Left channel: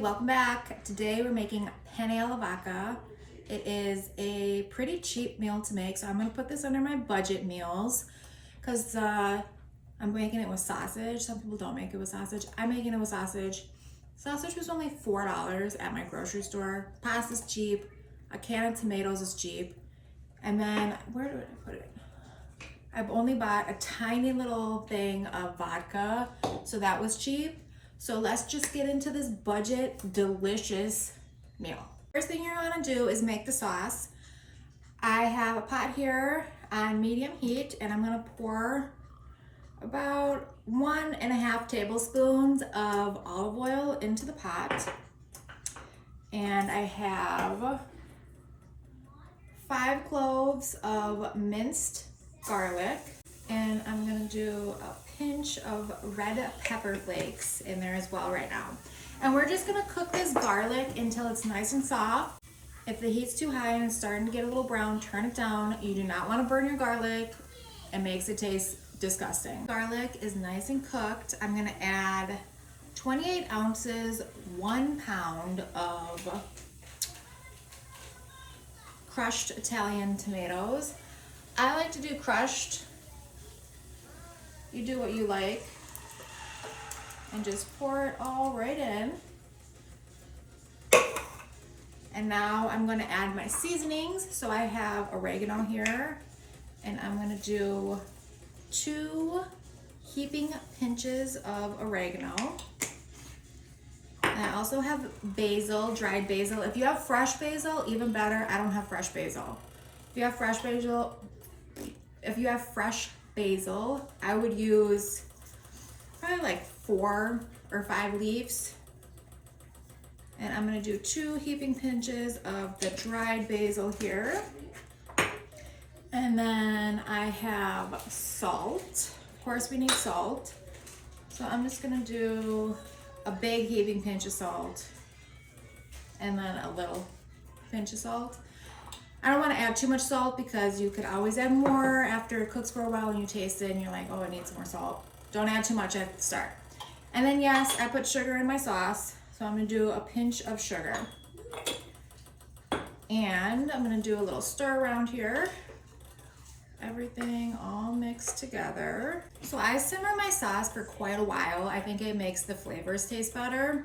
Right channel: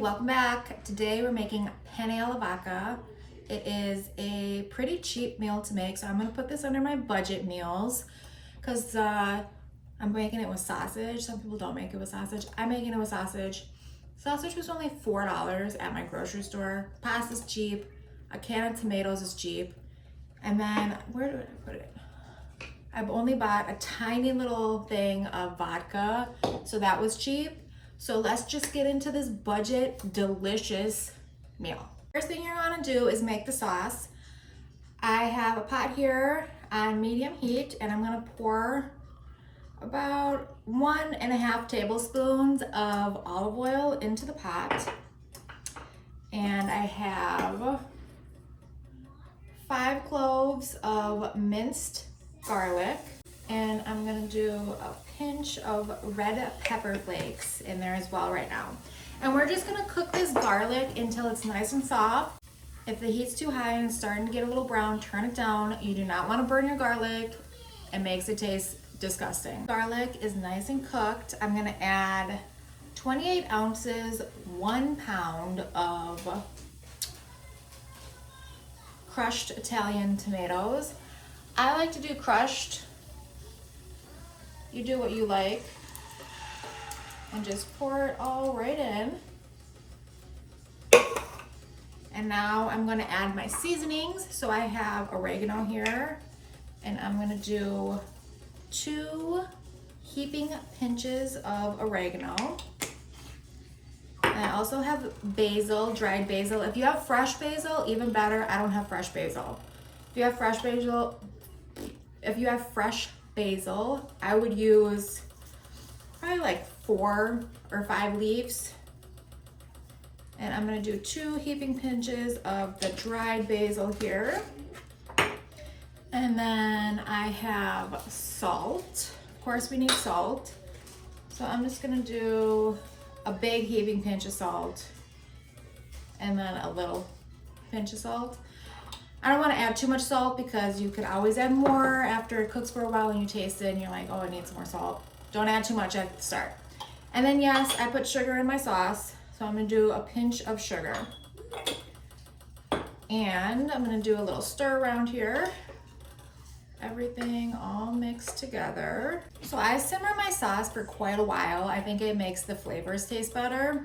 welcome back. Today we're making penne alla vodka. It is a pretty cheap meal to make, so I'm gonna put this under my budget meals because I'm making it with sausage. Some people don't make it with sausage. I'm making it with sausage. Sausage was only $4 at my grocery store. Pasta's cheap. A can of tomatoes is cheap. And then, where did I put it? I've only bought a tiny little thing of vodka, so that was cheap. So let's just get into this budget, delicious meal. First thing you're gonna do is make the sauce. I have a pot here on medium heat, and I'm gonna pour about 1.5 tablespoons of olive oil into the pot. And I have 5 cloves of minced garlic, and I'm gonna do a pinch of red pepper flakes in there as well right now. And we're just gonna cook this garlic until it's nice and soft. If the heat's too high and it's starting to get a little brown, turn it down. You do not wanna burn your garlic. It makes it taste disgusting. Garlic is nice and cooked. I'm gonna add 28 ounces, 1 pound of crushed Italian tomatoes. I like to do crushed. You do what you like. And just pour it all right in. And now I'm gonna add my seasonings. So I have oregano here, and I'm gonna do 2 heaping pinches of oregano. And I also have basil, dried basil. If you have fresh basil, even better. I don't have fresh basil. If you have fresh basil, I would use probably like 4 or 5 leaves. And I'm gonna do 2 heaping pinches of the dried basil here. And then I have salt. Of course we need salt. So I'm just gonna do a big heaping pinch of salt and then a little pinch of salt. I don't want to add too much salt because you could always add more after it cooks for a while and you taste it and you're like, oh, it needs some more salt. Don't add too much at the start. And then yes, I put sugar in my sauce. So I'm gonna do a pinch of sugar. And I'm gonna do a little stir around here. Everything all mixed together. So I simmer my sauce for quite a while. I think it makes the flavors taste better.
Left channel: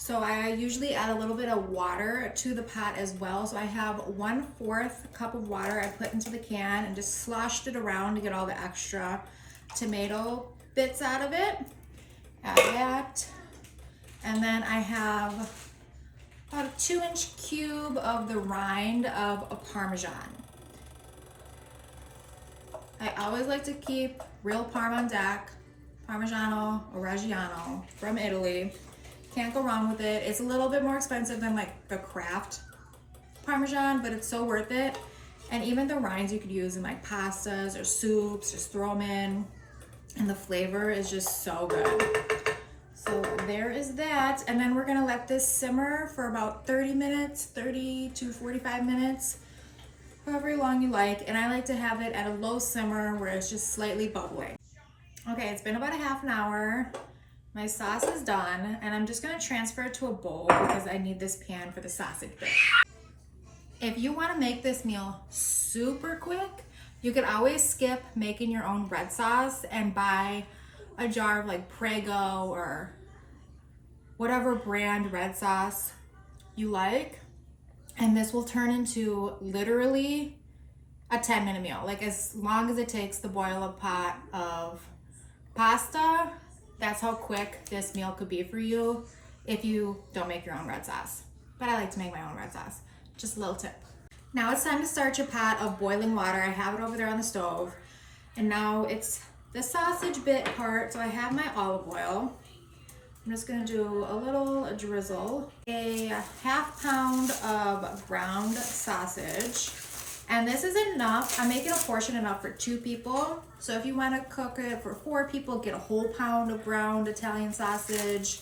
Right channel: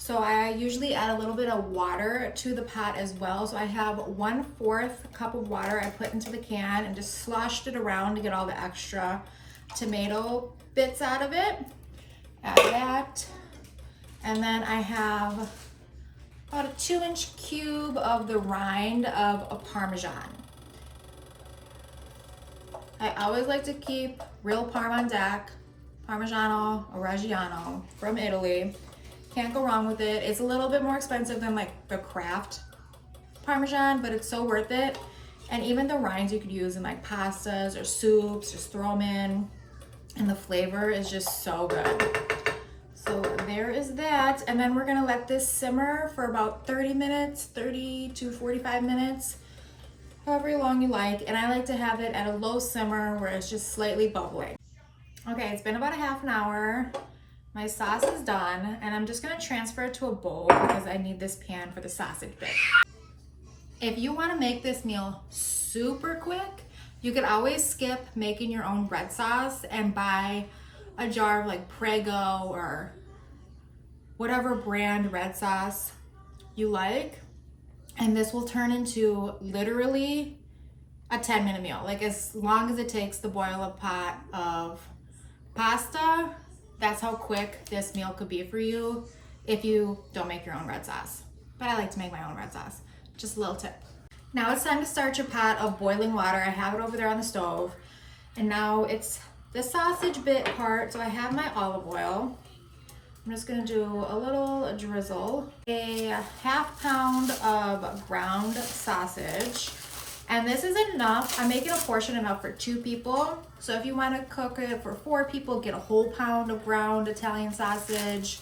So I usually add a little bit of water to the pot as well. So I have 1/4 cup of water I put into the can and just sloshed it around to get all the extra tomato bits out of it. Add that. And then I have about a 2-inch cube of the rind of a Parmesan. I always like to keep real Parm on deck, Parmigiano or Reggiano from Italy. Can't go wrong with it. It's a little bit more expensive than like the Kraft Parmesan, but it's so worth it. And even the rinds you could use in like pastas or soups, just throw them in, and the flavor is just so good. So there is that. And then we're gonna let this simmer for about 30 minutes, 30 to 45 minutes. However long you like, and I like to have it at a low simmer where it's just slightly bubbling. Okay, it's been about a half an hour. My sauce is done, and I'm just gonna transfer it to a bowl because I need this pan for the sausage bit. If you wanna make this meal super quick, you could always skip making your own red sauce and buy a jar of like Prego or whatever brand red sauce you like. And this will turn into literally a 10-minute meal. Like as long as it takes to boil a pot of pasta, that's how quick this meal could be for you if you don't make your own red sauce. But I like to make my own red sauce. Just a little tip. Now it's time to start your pot of boiling water. I have it over there on the stove. And now it's the sausage bit part. So I have my olive oil. I'm just gonna do a little drizzle, a 1/2 pound of ground sausage. And this is enough. I'm making a portion enough for 2 people. So if you wanna cook it for 4 people, get a whole pound of ground Italian sausage,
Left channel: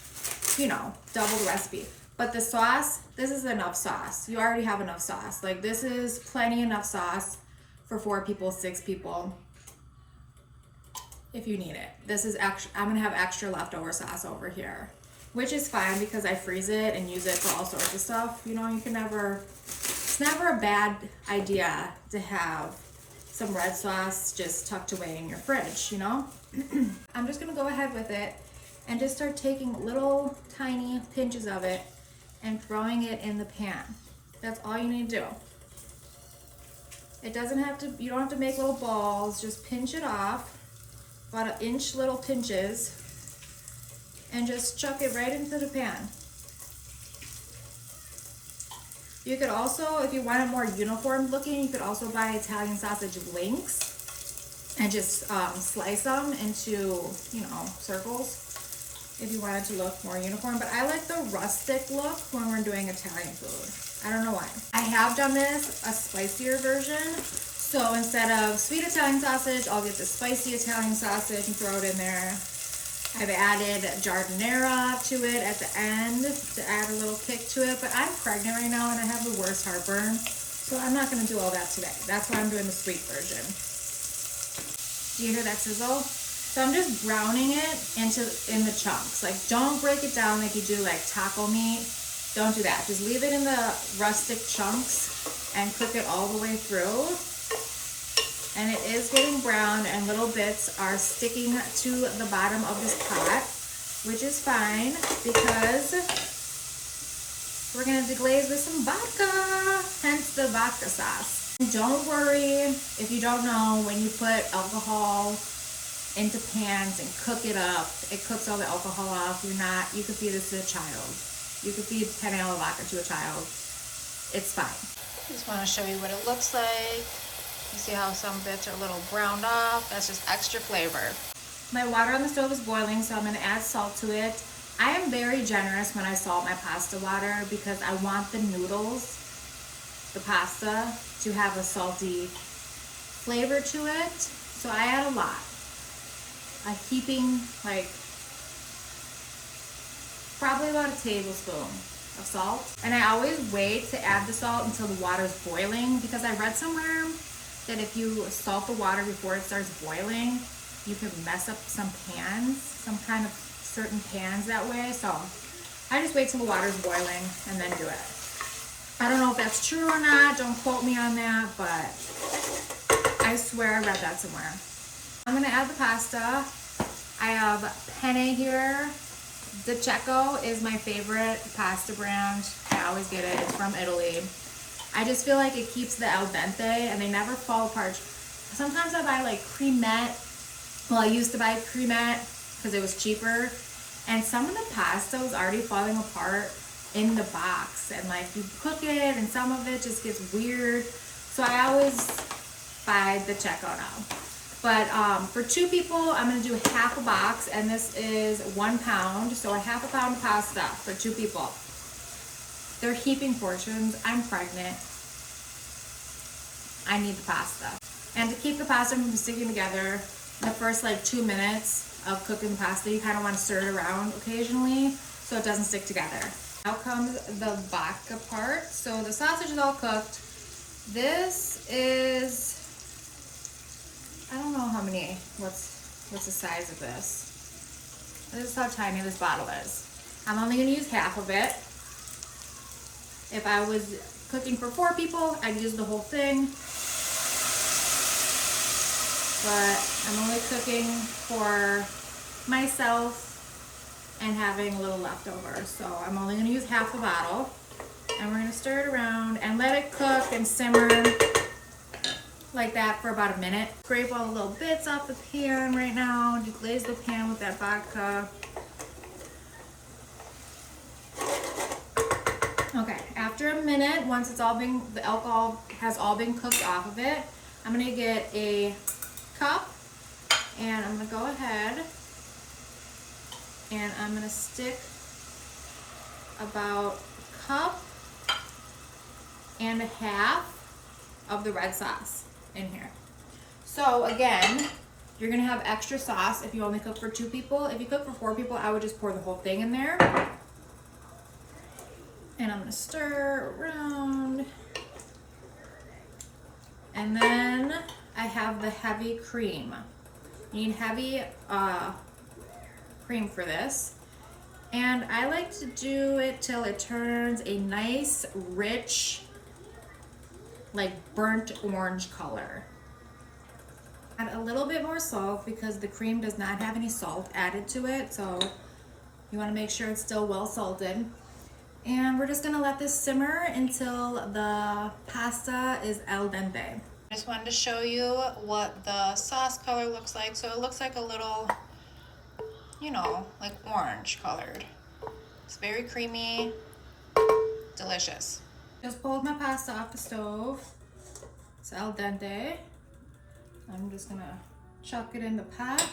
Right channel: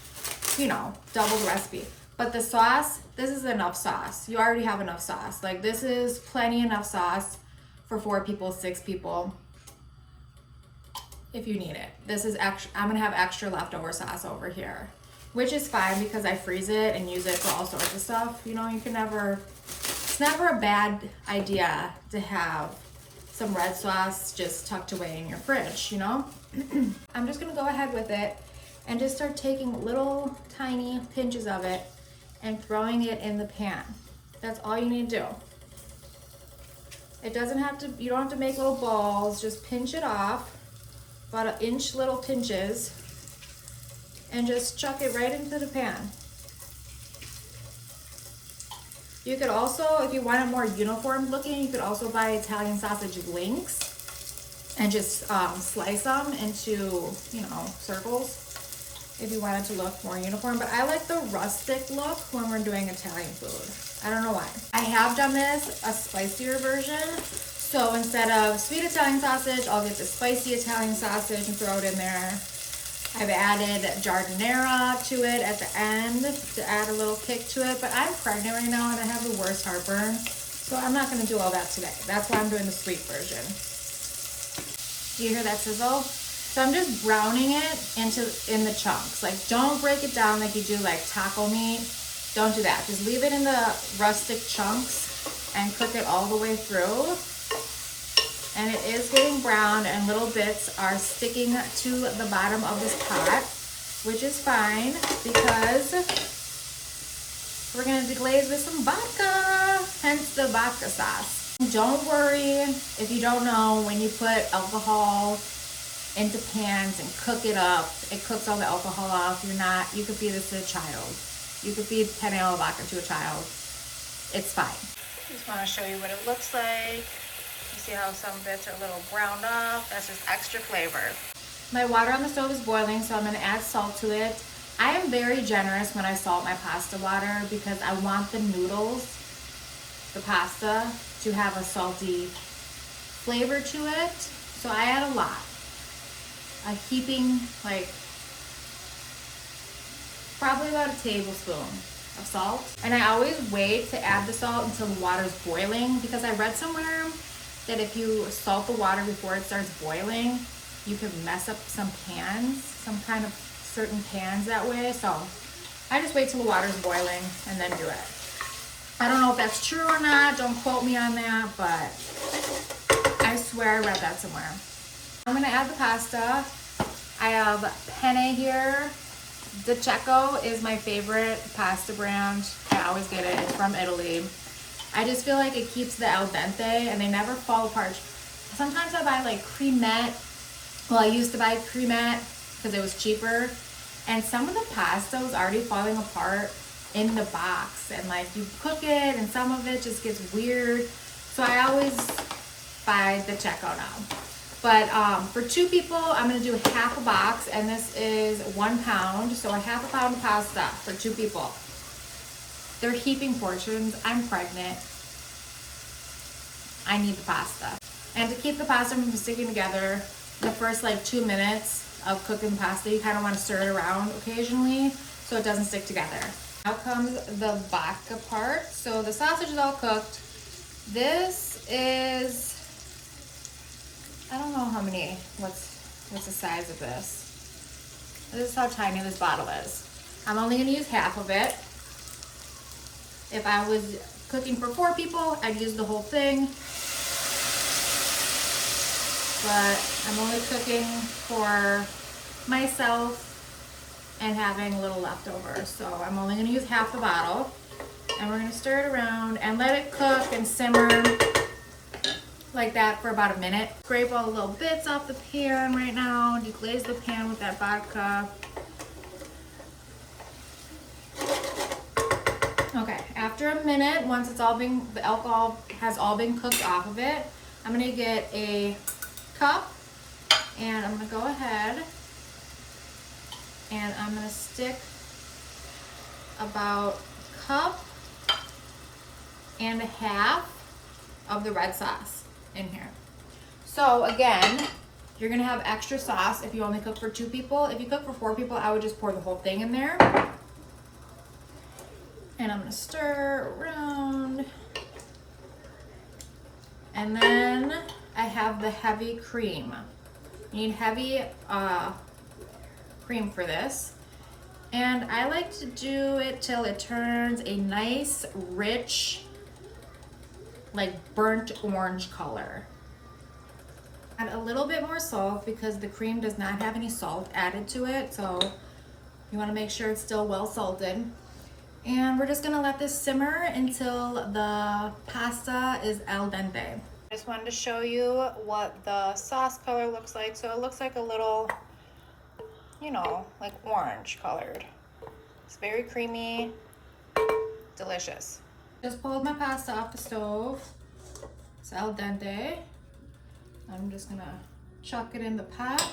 you know, double the recipe. But the sauce, this is enough sauce. You already have enough sauce. Like this is plenty enough sauce for 4 people, 6 people. If you need it. This is extra, I'm gonna have extra leftover sauce over here. which is fine because I freeze it and use it for all sorts of stuff. You know, you can never, it's never a bad idea to have some red sauce just tucked away in your fridge, you know? I'm just gonna go ahead with it and just start taking little tiny pinches of it and throwing it in the pan. That's all you need to do. It doesn't have to, you don't have to make little balls, just pinch it off, about 1 inch little pinches, and just chuck it right into the pan. You could also, if you want it more uniform looking, you could also buy Italian sausage links and just slice them into, you know, circles if you want it to look more uniform. But I like the rustic look when we're doing Italian food. I don't know why. I have done this a spicier version. So instead of sweet Italian sausage, I'll get the spicy Italian sausage and throw it in there. I've added giardiniera to it at the end to add a little kick to it, but I'm pregnant right now and I have the worst heartburn, so I'm not gonna do all that today. That's why I'm doing the sweet version. You hear that sizzle? So I'm just browning it in the chunks. Like, don't break it down like you do like taco meat. Don't do that. Just leave it in the rustic chunks and cook it all the way through. And it is getting brown and little bits are sticking to the bottom of this pot, which is fine because we're gonna deglaze with some vodka, hence the vodka sauce. Don't worry if you don't know, when you put alcohol into pans and cook it up, it cooks all the alcohol off. You could feed this to a child. You could feed penne alla vodka to a child. It's fine. Just wanna show you what it looks like. You see how some bits are a little browned off? That's just extra flavor. My water on the stove is boiling, so I'm gonna add salt to it. I am very generous when I salt my pasta water because I want the noodles, the pasta, to have a salty flavor to it. So I add a lot. A heaping, like, probably about a tablespoon of salt. And I always wait to add the salt until the water's boiling because I read somewhere that if you salt the water before it starts boiling, you can mess up some pans, some kind of certain pans that way. So I just wait till the water's boiling and then do it. I don't know if that's true or not, don't quote me on that, but I swear I read that somewhere. I'm gonna add the pasta. I have penne here. The Cecco is my favorite pasta brand. I always get it, it's from Italy. I just feel like it keeps the al dente and they never fall apart. Sometimes I buy like cremette. Well, I used to buy cremette because it was cheaper. And some of the pasta was already falling apart in the box. And like you cook it and some of it just gets weird. So I always buy the Cecco now. But for 2 people, I'm gonna do half a box and this is 1 pound. So a half a pound of pasta for 2 people. They're heaping portions. I'm pregnant. I need the pasta. And to keep the pasta from sticking together, the first like 2 minutes of cooking the pasta, you kind of want to stir it around occasionally so it doesn't stick together. Now comes the vodka part. So the sausage is all cooked. This is, I don't know how many, what's the size of this? This is how tiny this bottle is. I'm only gonna use half of it. If I was cooking for 4 people, I'd use the whole thing. But I'm only cooking for myself and having a little leftover. So I'm only gonna use half the bottle. And we're gonna stir it around and let it cook and simmer like that for about a minute. Scrape all the little bits off the pan right now. Deglaze the pan with that vodka. Okay, after a minute, once it's all been, the alcohol has all been cooked off of it, I'm gonna get a cup and I'm gonna go ahead and I'm gonna stick about a cup and a half of the red sauce in here. So again, you're gonna have extra sauce if you only cook for 2 people. If you cook for 4 people, I would just pour the whole thing in there. And I'm gonna stir around. And then I have the heavy cream. You need heavy cream for this. And I like to do it till it turns a nice, rich, like burnt orange color. Add a little bit more salt because the cream does not have any salt added to it, so you want to make sure it's still well salted. And we're just gonna let this simmer until the pasta is al dente. I just wanted to show you what the sauce color looks like. So it looks like a little, you know, like orange colored. It's very creamy, delicious. Just pulled my pasta off the stove. It's al dente. I'm just gonna chuck it in the pot,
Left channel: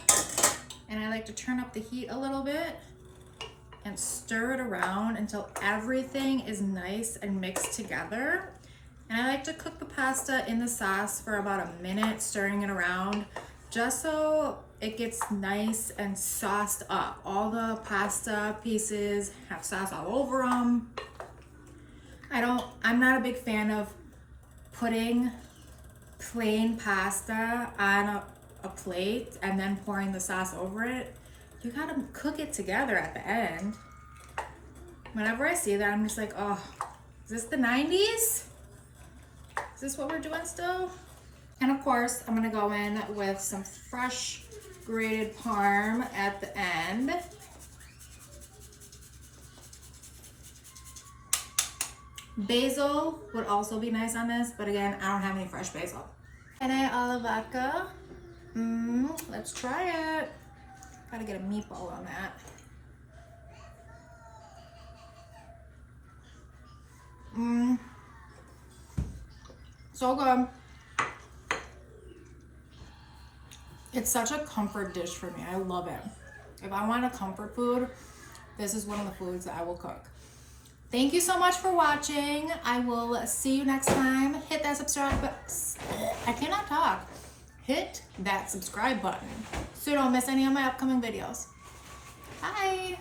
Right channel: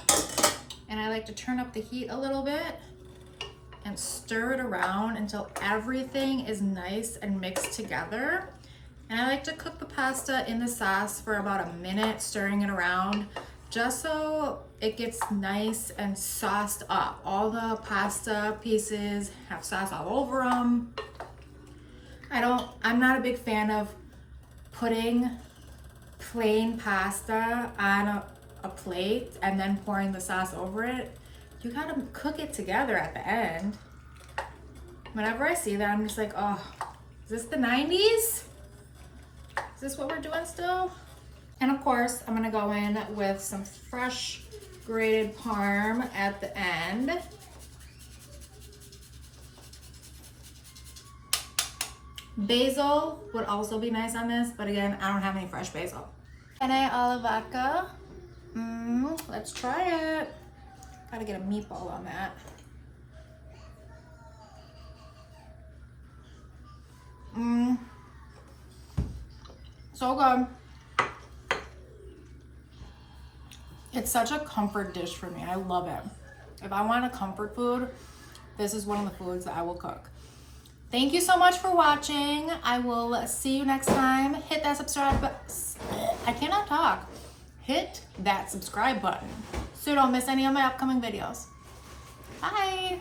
and I like to turn up the heat a little bit and stir it around until everything is nice and mixed together. And I like to cook the pasta in the sauce for about a minute, stirring it around, just so it gets nice and sauced up. All the pasta pieces have sauce all over them. I'm not a big fan of putting plain pasta on a plate and then pouring the sauce over it. You gotta cook it together at the end. Whenever I see that, I'm just like, oh, is this the 90s? Is this what we're doing still? And of course, I'm gonna go in with some fresh grated parm at the end. Basil would also be nice on this, but again, I don't have any fresh basil. Penne alla Vodka. Let's try it. Gotta get a meatball on that. So good. It's such a comfort dish for me. I love it. If I want a comfort food, this is one of the foods that I will cook. Thank you so much for watching. I will see you next time. Hit that subscribe button. I cannot talk. Hit that subscribe button so you don't miss any of my upcoming videos. Bye.